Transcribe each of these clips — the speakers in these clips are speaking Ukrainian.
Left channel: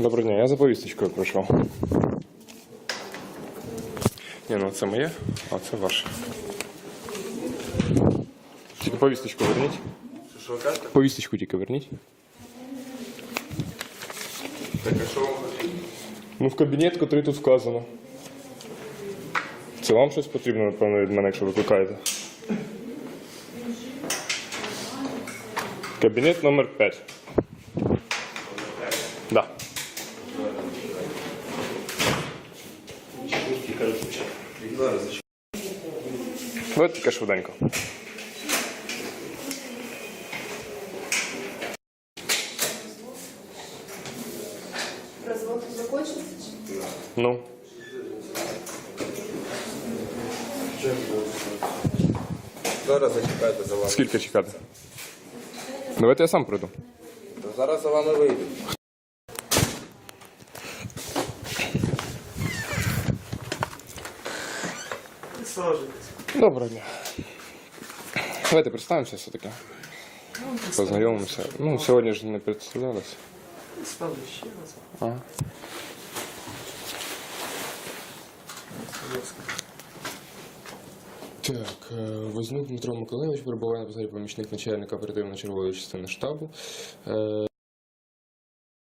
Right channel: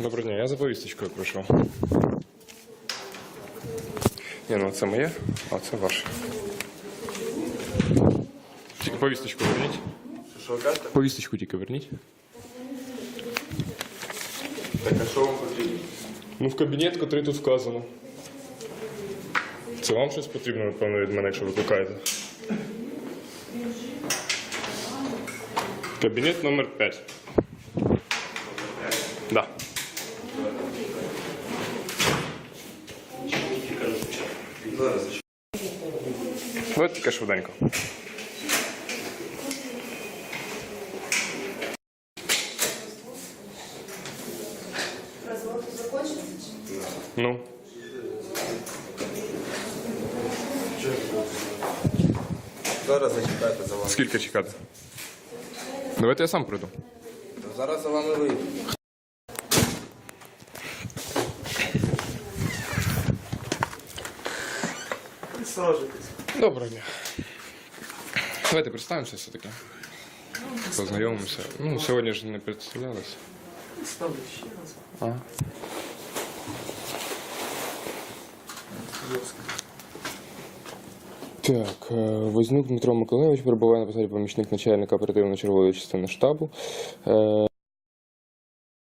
Доброго дня, я за повісточкою прийшов. Ні, ну це моє, а це ваше. Тільки повісточку верніть. Що ви кажете? Повісточку тільки верніть. Так, а що вам потрібно? Ну, в кабінет, який тут вказано. Це вам щось потрібно, напевно, від мене, якщо викликаєте. Кабінет номер 5. Да. Давайте тільки швиденько. Ну. Зараз зачекайте за вами. Скільки чекати? Давайте я сам прийду. Зараз за вами вийду. Доброго дня. Давайте представимося все-таки. Познайомимося. Ну, сьогодні ж не представлялися. Ставлю ще раз. Ага. Так, е, Вознюк Дмитро Миколаївич перебуває на посаді помічник начальника оперативно-чергової частини штабу. Е,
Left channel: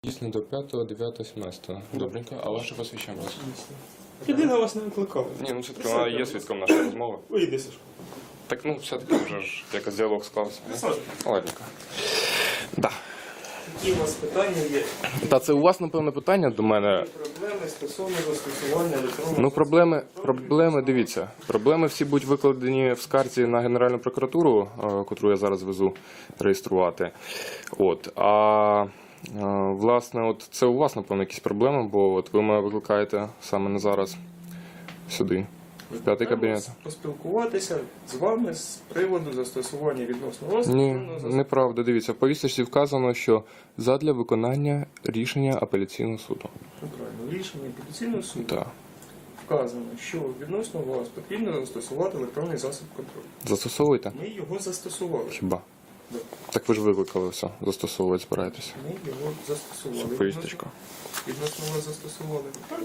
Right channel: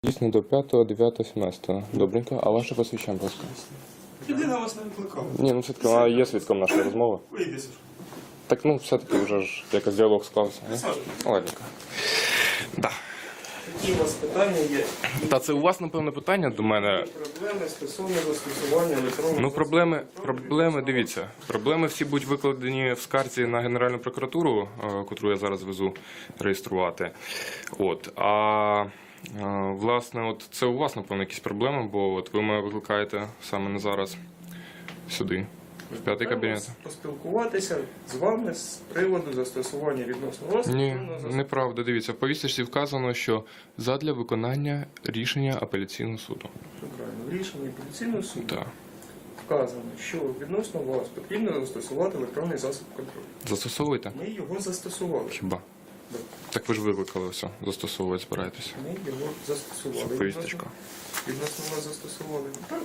Дійсно до 5, 9, 17. Добренько. А ваше посвідчення, будь ласка? Людина вас не викликала. Ні, ну все-таки вона є свідком нашої розмови. Вийди, Сашко. Так, ну, все-таки вже ж якось діалог склався. ні? Ладненько. Да. Які у вас питання є? Та це у вас, напевно, питання до мене. Проблеми стосовно застосування електронного Ну, проблеми, проблеми, дивіться, проблеми всі будуть викладені в скарці на Генеральну прокуратуру, е, котру я зараз везу реєструвати. От. А е, власне, от це у вас, напевно, якісь проблеми, бо от ви мене викликаєте саме на зараз сюди, в п'ятий кабінет. Поспілкуватися з вами з приводу застосування відносно вас. Ні, неправда. Дивіться, в повісточці вказано, що задля виконання рішення апеляційного суду. Правильно, в рішенні апеляційного суду Так. вказано, що відносно вас потрібно застосувати електронний засіб контролю. Застосовуйте? Ми його застосували. Хіба? Так ви ж викликали все. Застосовувати збираєтесь. Ми його застосували. Повісточку. Відносно вас застосували. Так,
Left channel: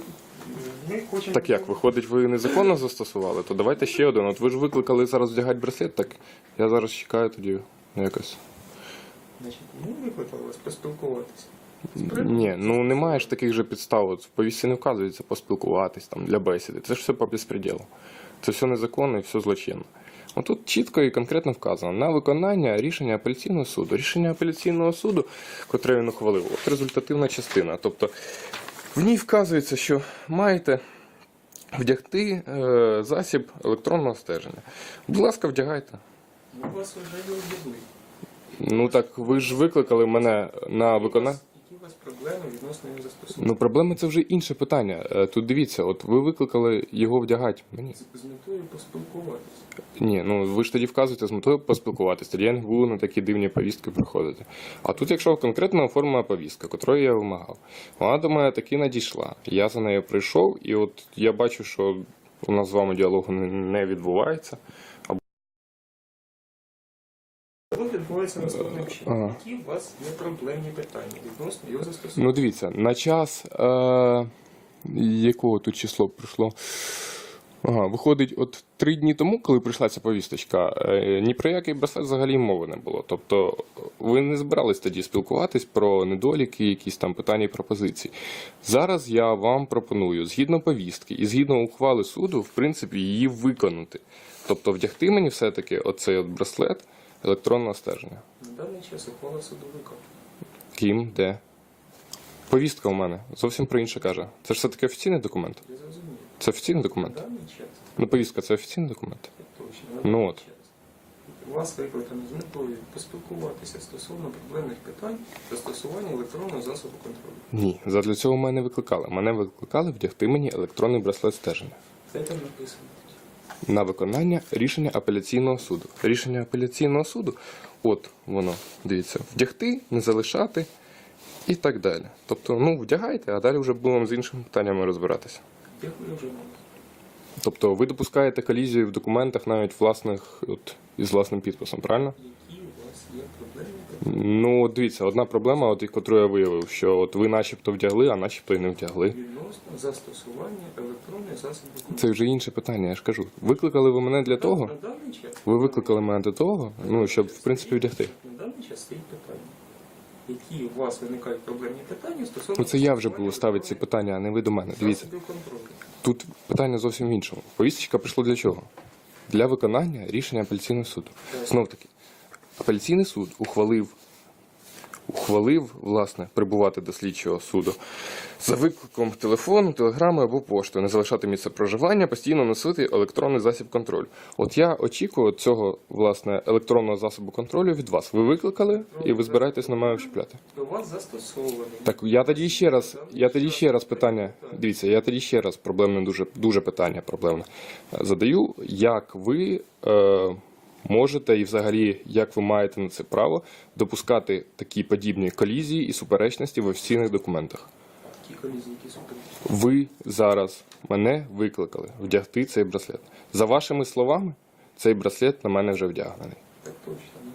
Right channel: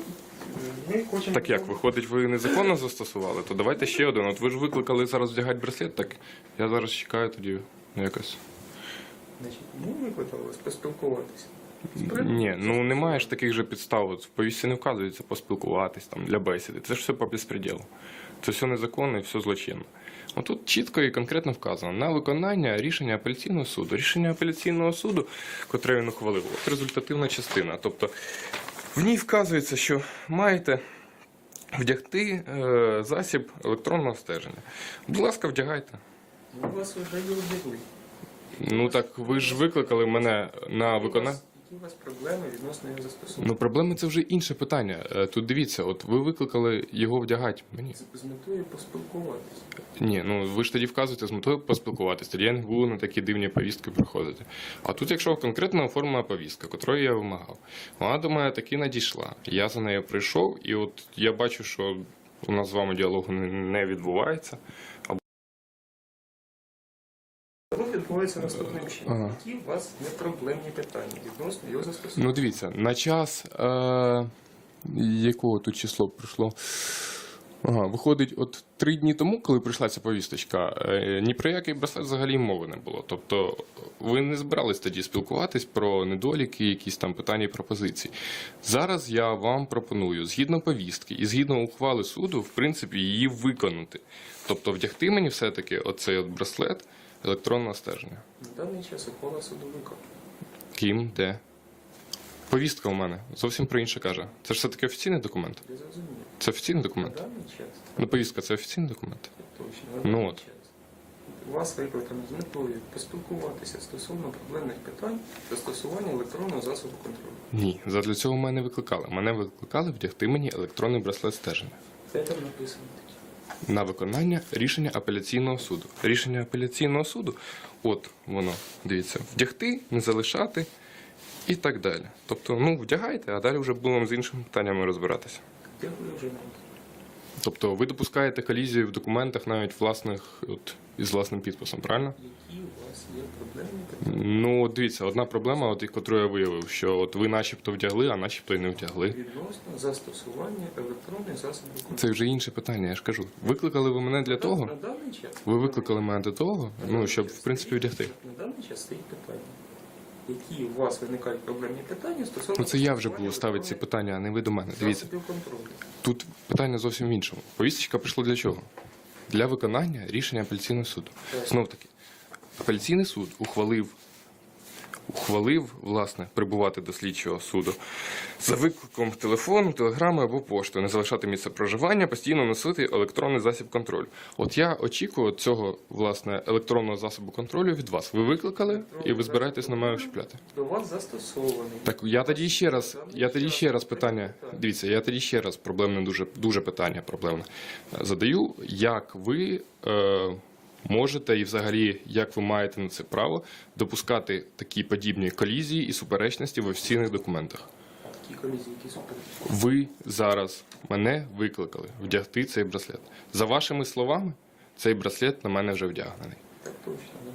Ми хочемо... Так як, виходить, ви незаконно застосували, то давайте ще один. От ви ж викликали зараз вдягати браслет, так я зараз чекаю тоді якось. Значить, ми викликали вас поспілкуватися. Ні, ну немає ж таких же підстав. От в повісті не вказується поспілкуватись там для бесіди. Це ж все по безпреділу. Це все незаконно і все злочинно. Отут чітко і конкретно вказано на виконання рішення апеляційного суду. Рішення апеляційного суду, котре він ухвалив, от результативна частина. Тобто в ній вказується, що маєте вдягти е, засіб електронного стеження. Будь ласка, вдягайте. Ми вас вже об'явили. Ну так ви ж викликали мене на виконання. Які у вас проблеми відносно його застосування? Ну, проблеми це вже інше питання. Е, Тут дивіться, от ви викликали його вдягати мені. З метою поспілкуватися. Ні, ну ви ж тоді вказуєте з метою поспілкуватися, тоді я не буду на такі дивні повістки приходити. А тут, якщо конкретно оформлена повістка, котрої я вимагав, вона до мене таки надійшла. Я за нею прийшов, і от я бачу, що у нас з вами діалогу не- не відбувається. Відбувається наступним чином. Ага. Які у вас є проблемні питання відносно його застосування? Ну, дивіться, на час е- якого тут число прийшло? Ага, виходить, от три дні тому, коли прийшла ця повісточка, е, ні про який браслет взагалі мови не було. Тобто ви не збирались тоді спілкуватись про недоліки, якісь там питання і пропозиції. Зараз я вам пропоную, згідно повістки і згідно ухвали суду, в принципі, її виконати. Тобто вдягти мені все-таки оцей от браслет електронного стеження. На даний час ухвала судовика. Ким, де? Повістка у мене зовсім про інше каже. Це ж все-таки офіційний документ. Я зрозумів. Це офіційний документ? На даний час Ну, повістка це офіційний документ. точно. На Ну даний от. час. Вас викликано з метою поспілкуватися стосовно проблемних питань застосування електронного засобу контролю. Ні, задля цього мене викликали. Мене викликали вдягти мені електронний браслет стеження Де там написано? На виконання рішення апеляційного суду. Рішення апеляційного суду, от воно, дивіться, вдягти, не залишати і так далі. Тобто, ну, вдягайте, а далі вже будемо з іншими питаннями розбиратися. Дякую вже. Тобто ви допускаєте колізію в документах навіть власних от, із власним підписом, правильно? Які у вас є проблемні питання? Ну, от дивіться, одна проблема, от, яку я виявив, що от ви начебто вдягли, а начебто і не вдягли. Відносно застосування електронних засобів. Це вже інше питання, я ж кажу. Викликали ви мене для того? На даний час Ви викликали мене для того, ну, щоб в принципі вдягти. На даний час стоїть питання. Які у вас виникають проблемні питання стосовно Ну це я вже буду ставити ці питання, а не ви до мене. Дивіться, тут питання зовсім в іншому. Повісточка прийшла для чого? Для виконання рішення апеляційного суду. Знов таки, апеляційний суд ухвалив, ухвалив, власне, прибувати до слідчого суду за викликом телефону, телеграми або поштою, не залишати місце проживання, постійно носити електронний засіб контролю. От я очікую цього власне електронного засобу контролю від вас. Ви викликали і ви збираєтесь на мене вчіпляти. До вас застосований. Так я тоді ще раз, я тоді ще раз питання. Дивіться, я тоді ще раз проблемне дуже дуже питання проблемне е, задаю. Як ви е, можете і взагалі як ви маєте на це право допускати такі подібні колізії і суперечності в офіційних документах? Колізії, які. Ви зараз мене викликали вдягти цей браслет. За вашими словами, цей браслет на мене вже вдягнений. Так точно.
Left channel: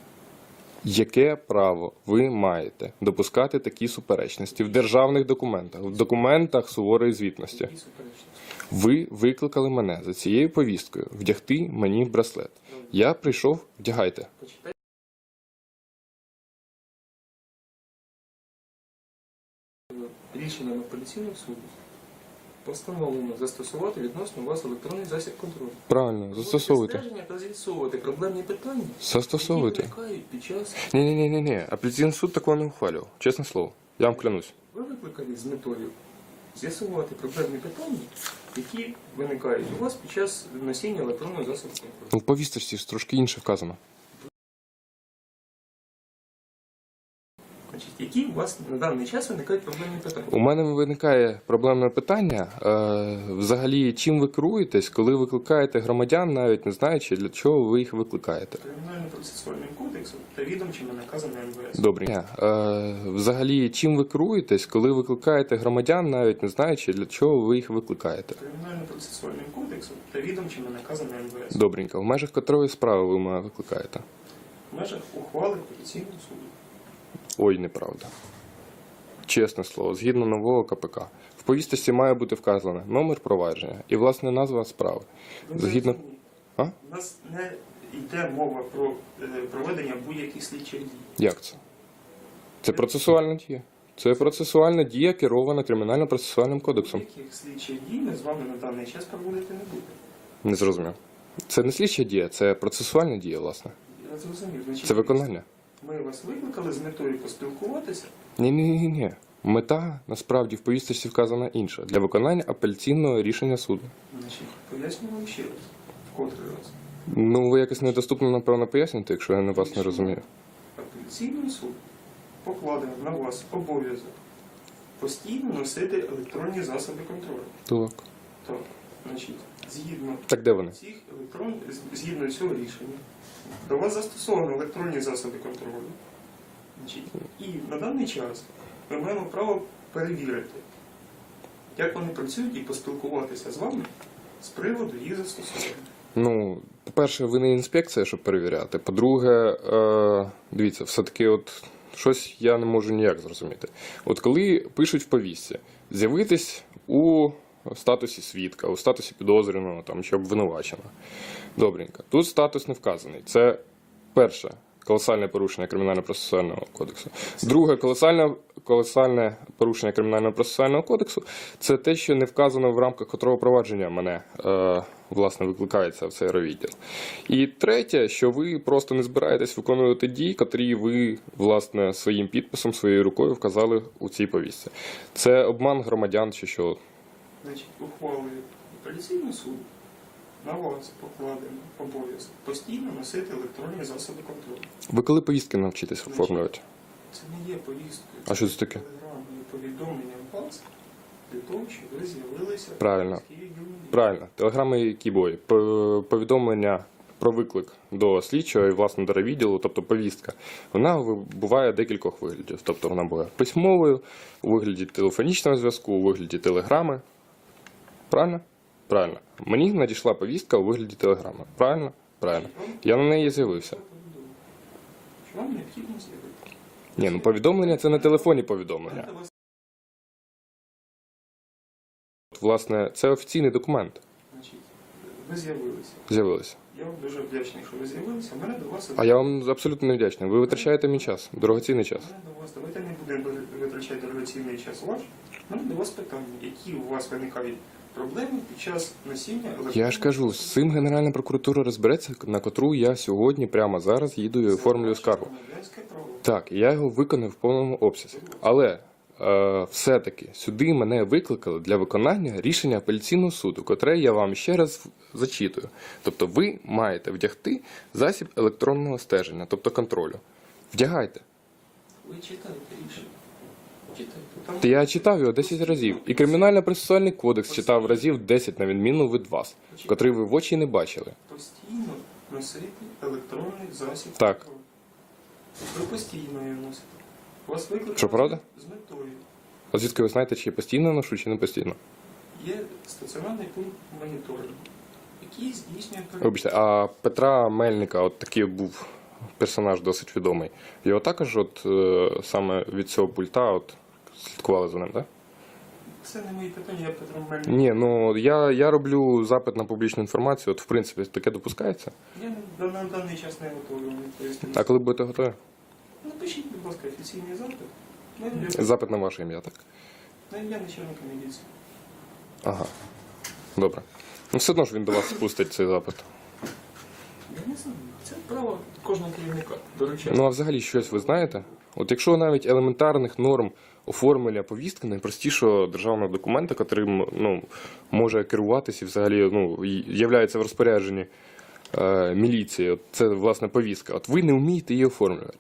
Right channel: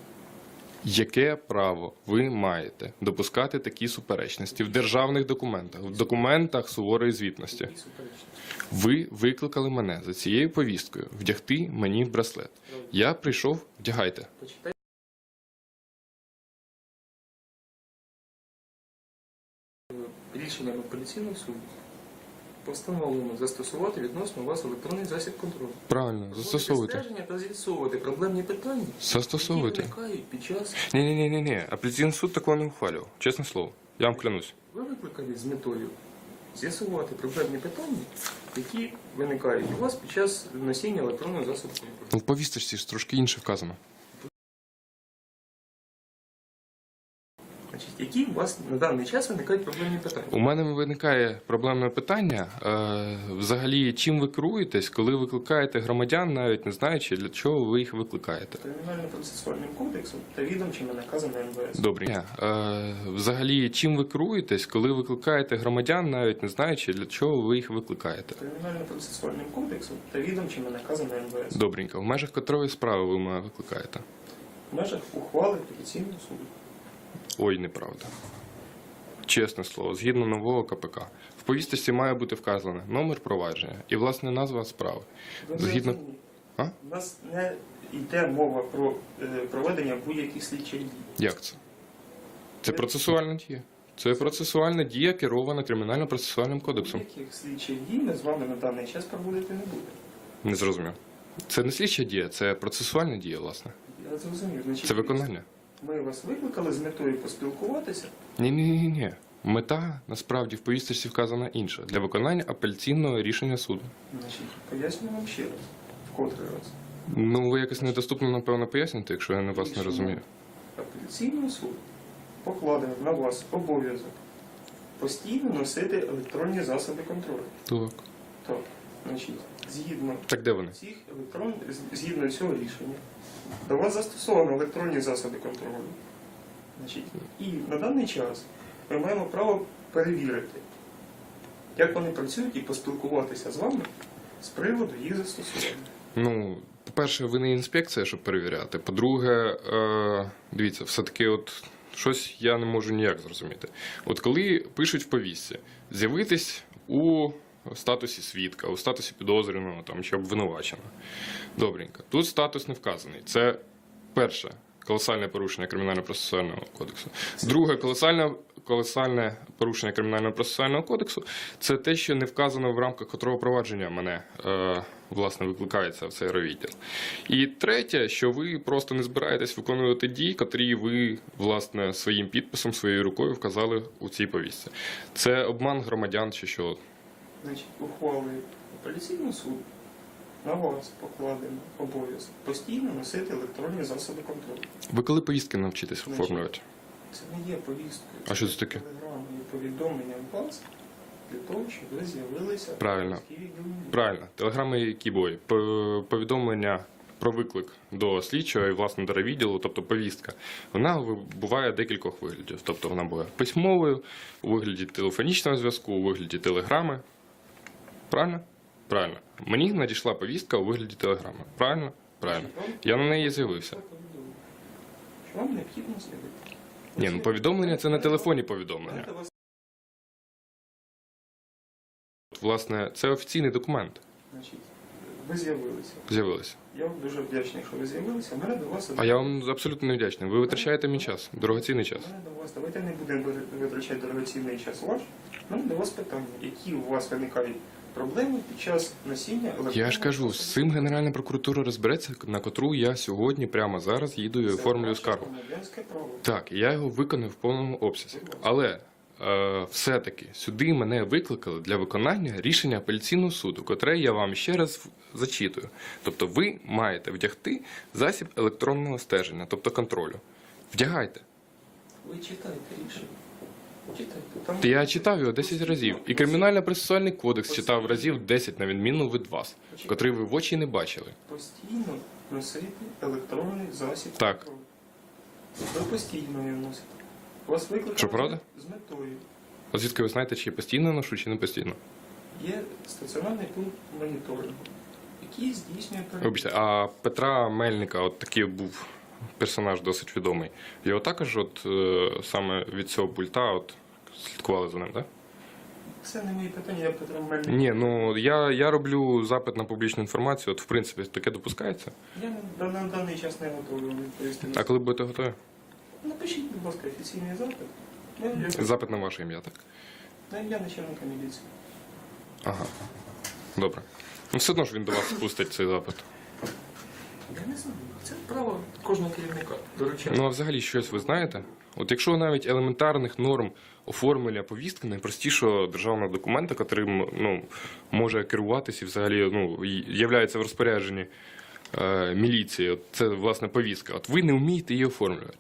Яке право ви маєте допускати такі суперечності в державних документах, в документах суворої звітності? Ви викликали мене за цією повісткою вдягти мені браслет. Я прийшов, вдягайте. Рішенням апеляційного суду постановлено застосувати відносно вас електронний засіб контролю. Правильно, застосовуйте. Стеження та з'ясовувати проблемні питання, Застосовуйте. які виникають під час. Ні, ні, ні, ні, ні. Апеляційний суд такого не ухвалював. Чесне слово. Я вам клянусь. Ви викликали з метою з'ясувати проблемні питання, які виникають у вас під час носіння електронного засобу контролю. Ну, в повісточці ж трошки інше вказано. Значить, які у вас на даний час виникають проблемні питання? У мене виникає проблемне питання. Е, взагалі, чим ви керуєтесь, коли викликаєте громадян, навіть не знаючи, для чого ви їх викликаєте? Кримінально-процесуальним кодексом та відомчими наказами МВС. Добре. Е, взагалі, чим ви керуєтесь, коли викликаєте громадян, навіть не знаючи, для чого ви їх викликаєте? Кримінально-процесуальним кодексом та відомчими наказами МВС. Добренько. В межах котрої справи ви мене викликаєте? В межах ухвали апеляційного суду. Ой, неправда. Чесне слово, згідно нового КПК. В повісточці має бути вказано номер провадження і власне назва справи. Згідно. А? У нас не йде мова про е, проведення будь-яких слідчих дій. Як це? Це процесуальна дія. Це процесуальна дія, керована кримінально-процесуальним кодексом. Будь-яких слідчих дій ми з вами на даний час проводити не будемо. Не зрозумів. Це не слідча дія, це процесуальна дія, власне. Я зрозумів. Значить, Це виконання. Ми вас викликали з метою поспілкуватися. Ні, ні, ні, ні. Мета насправді в повісточці вказана інша для виконання апеляційного рішення суду. Значить, поясню вам ще раз. Вкотре раз. Ну, ви якось недоступно, напевно, поясните, якщо я на вас не розумію. Апеляційний суд покладено на вас обов'язок постійно носити електронні засоби контролю. Так. Так, значить, згідно Так де вони? цих електрон... згідно цього рішення, до вас застосовано електронні засоби контролю. І на даний час ми маємо право перевірити, як вони працюють, і поспілкуватися з вами з приводу їх застосування. Ну, по-перше, ви не інспекція, щоб перевіряти. По-друге, е, дивіться, все-таки от щось я не можу ніяк зрозуміти. От коли пишуть в повістці, з'явитись у статусі свідка, у статусі підозрюваного там, чи обвинуваченого. Добренько. Тут статус не вказаний. Це перше. Колосальне порушення кримінально-процесуального кодексу. Друге, колосальне, колосальне порушення кримінально-процесуального кодексу це те, що не вказано в рамках котрого провадження мене е, власне викликається в цей райвідділ. І третє, що ви просто не збираєтесь виконувати дії, котрі ви власне своїм підписом, своєю рукою вказали у цій повістці. Це обман громадян чи що. Значить, ухвалою апеляційного суду на вас покладено обов'язок постійно носити електронні засоби контролю. Ви коли повістки навчитесь оформлювати? Це не є повісткою. А що це таке? Телеграмою повідомленням вас для того, щоб ви з'явилися Правильно. Правильно, телеграми які бої. Повідомлення про виклик до слідчого і власне до відділу, тобто повістка, вона буває декількох виглядів. Тобто вона буває письмовою, у вигляді телефонічного зв'язку, у вигляді телеграми. Правильно? Правильно. Мені надійшла повістка у вигляді телеграми. Правильно? Правильно. Я на неї з'явився. що Вам необхідно з'явитися. Ні, ну повідомлення це на телефоні повідомлення. Власне, це офіційний документ. значить, ви з'явилися. З'явилися. Я вам дуже вдячний, що ви з'явилися. Мене до вас А я вам абсолютно не вдячний. Ви витрачаєте мій час, дорогоцінний час. Мене до вас, давайте не будемо витрачати дорогоцінний час ваш. У мене до вас питання, які у вас виникають проблеми під час носіння. Я ж кажу, з цим Генеральна прокуратура розбереться, на котру я сьогодні прямо зараз їду і оформлюю скаргу. Так, я його виконав в повному обсязі. Але е, все-таки сюди мене викликали для виконання рішення апеляційного суду, котре я вам ще раз зачитую. Тобто ви маєте вдягти засіб електронного стеження, тобто контролю. Вдягайте. Ви читаєте рішення. Я читав його 10 разів. І кримінально-процесуальний кодекс читав разів 10, на відміну від вас, котрий ви в очі не бачили. постійно носити електронний засіб. Так. Ви постійно його носите. Вас викликали Що, правда? з метою. А звідки ви знаєте, чи я постійно ношу, чи не постійно? Є стаціонарний пункт моніторингу, який здійснює перевірку. Вибачте, а Петра Мельника, от такий був персонаж досить відомий. Його також, от е, саме від цього пульта, от слідкували за ним, так? Це не мої питання, я Петро Мельник. Ні, ну я, я роблю запит на публічну інформацію, от в принципі таке допускається. Я на, на даний час не готовий відповісти. А коли будете готові? Напишіть, будь ласка, офіційний запит. На Запит на ваше ім'я, так? на ім'я начальника міліції. Ага. Добре. Ну все одно ж він до вас спустить цей запит. Я не знаю. Це право кожного керівника. Доручати. Ну а взагалі щось ви знаєте? От якщо навіть елементарних норм оформлення повістки найпростішого державного документа, котрим ну, може керуватися і взагалі ну, являється в розпорядженні е, міліції, от це власне повістка. От ви не вмієте її оформлювати.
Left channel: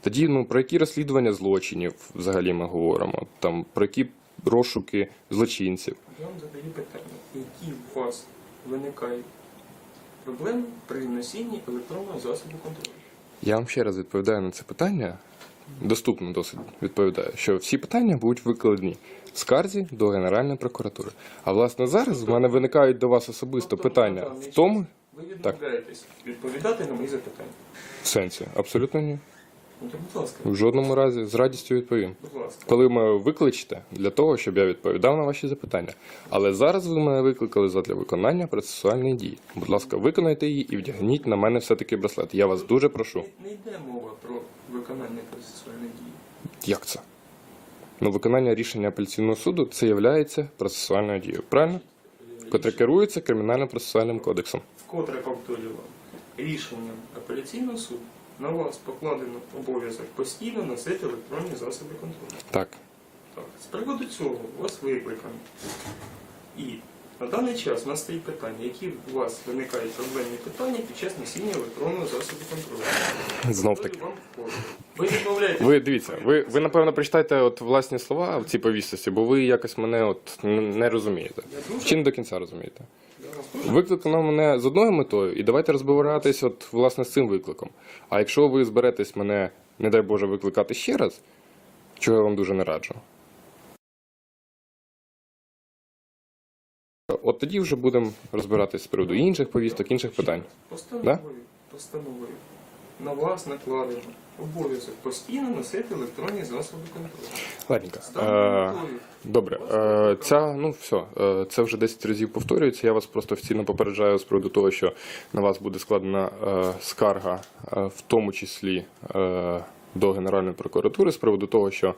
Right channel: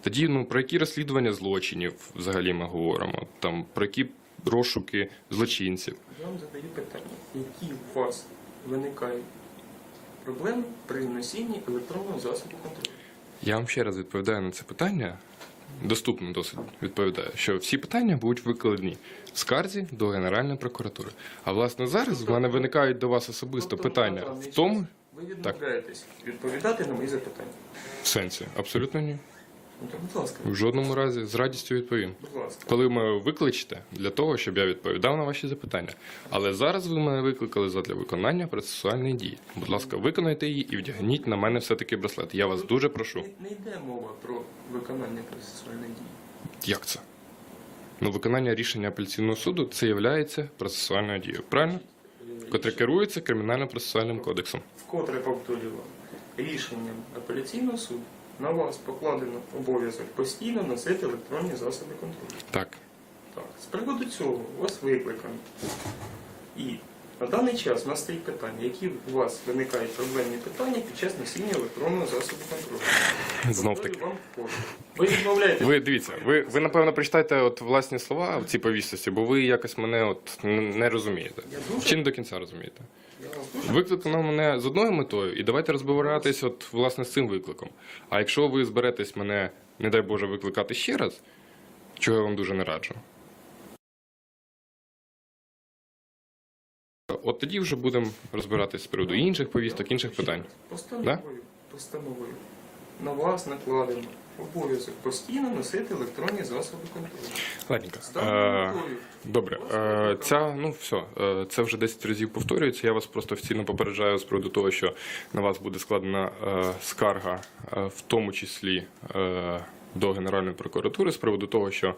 Тоді ну, про які розслідування злочинів взагалі ми говоримо? Там, про які розшуки злочинців? Я вам задаю питання, які у вас виникають проблеми при носінні електронного засобу контролю? Я вам ще раз відповідаю на це питання. Доступно досить відповідаю, що всі питання будуть викладені в скарзі до Генеральної прокуратури. А власне зараз в мене виникають до вас особисто Тобто, питання в тому Ви відмовляєтесь відповідати на мої запитання. в сенсі. Абсолютно ні. Ну, то, будь ласка, В жодному разі з радістю відповім. будь ласка. Коли ви викличете для того, щоб я відповідав на ваші запитання. Але зараз ви мене викликали задля виконання процесуальної дії. Будь ласка, виконайте її і вдягніть на мене все-таки браслет. Я вас дуже прошу. Не, не йде мова про виконання процесуальної дії. Як це? Ну, виконання рішення апеляційного суду це є процесуальною дією, правильно? Котре керується кримінально-процесуальним кодексом. Вкотре повторюю вам, рішенням апеляційного суду на вас покладено обов'язок постійно носити електронні засоби контролю. Так. Так, з приводу цього у вас викликано. І на даний час у нас стоїть питання, які у вас виникають проблемні питання під час носіння електронного засобу контролю. Знов таки. Вам. Ви відмовляєтесь. Ви дивіться, ви, ви напевно прочитайте от власні слова в цій повістці, бо ви якось мене от не розумієте. Я дуже- Чи не до кінця розумієте? Я вас дуже Викликано мене з одною метою, і давайте розбиратись от власне з цим викликом. А якщо ви зберетесь мене, не дай Боже, викликати ще раз, чого я вам дуже не раджу. От тоді вже будемо розбиратись з приводу інших повісток, інших питань. Постановою, постановою на вас накладено обов'язок постійно носити електронні засоби контролю. Ладненько. Е, Добре, е, ця ну все, е, це вже 10 разів повторюється. Я вас просто офіційно попереджаю з приводу того, що на вас буде складена е, скарга, е, в тому числі е, до Генеральної прокуратури, з приводу того, що.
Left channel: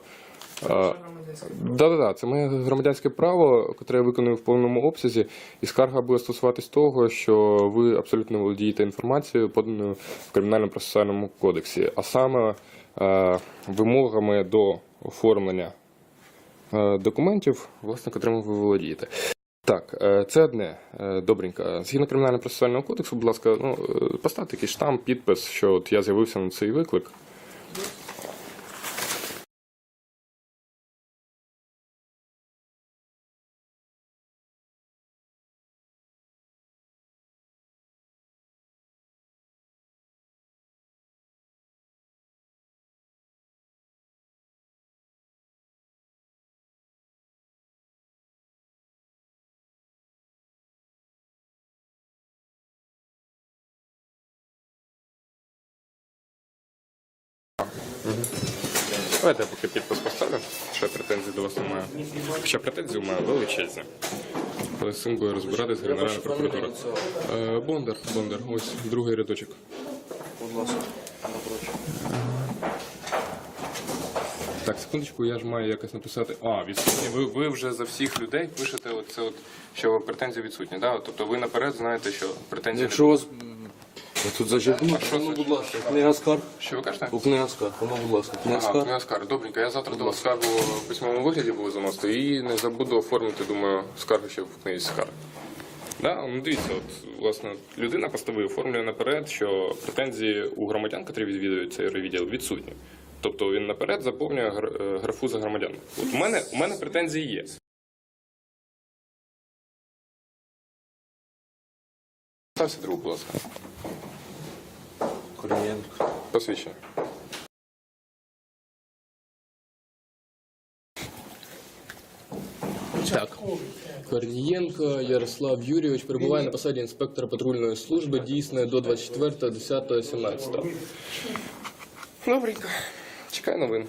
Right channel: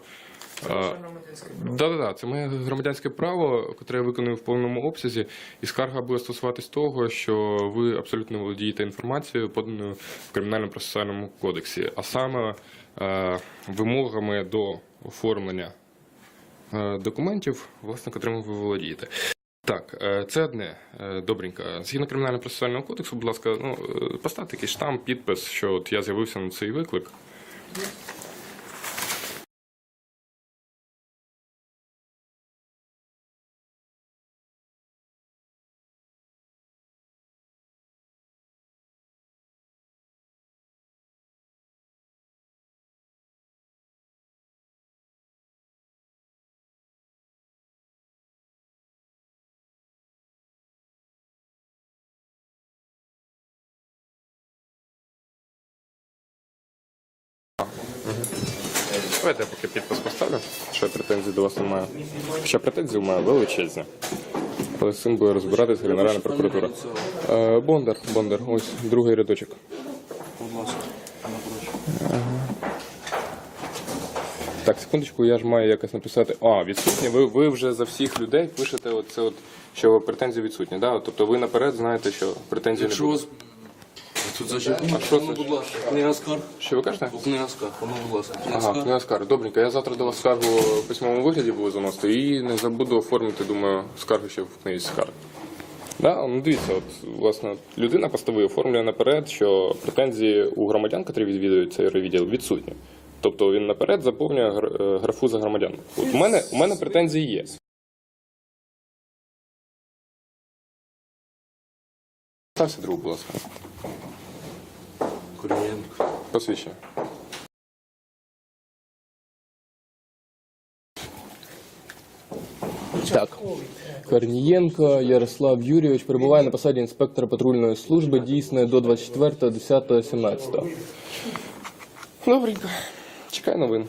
Да, да, да, це моє громадянське право, яке я виконую в повному обсязі, і скарга буде стосуватись того, що ви абсолютно володієте інформацією, поданою в кримінальному процесуальному кодексі, а саме е, вимогами до оформлення е, документів, власне, котрими ви володієте. Так, е, це одне. Е, Добренько. Згідно кримінального процесуального кодексу, будь ласка, ну, поставте якийсь штамп, підпис, що от я з'явився на цей виклик. Давайте я поки підпис поставлю, що я претензій до вас немає. Ще претензії маю величезні. Але з цим буде розбиратись Генеральна прокуратура. Е, Бондар, Бондар, ось другий рядочок. Будь ласка, напротив. Так, секундочку, я ж маю якось написати. А, відсутні. Ви, ви вже за всіх людей пишете оце от, що претензії відсутні. Да? Тобто ви наперед знаєте, що претензії не Якщо буде. вас ви тут зачепили, А що ну, це? будь ласка, книга скарг. Що ви кажете? У книга скарг, ну, будь ласка, книга Ага, скарг. книга скарг. Добренько, я завтра до вас скаргу в письмовому вигляді буду заносити і не забуду оформити, думаю, скаргу ще в книзі скарг. Да? Ну дивіться, от, власне, людина постави оформлює наперед, що претензії у громадян, котрі відвідують цей відділ, відсутні. Тобто він наперед заповнює гр- е, графу за громадян. От у мене, у мене претензії є. Стався другу, будь ласка. Корнієнко. Посвідчення. Так. Корнієнко Ярослав Юрійович перебуває на посаді інспектора патрульної служби, дійсне до 24.10.17. Добренько. Чекай новин.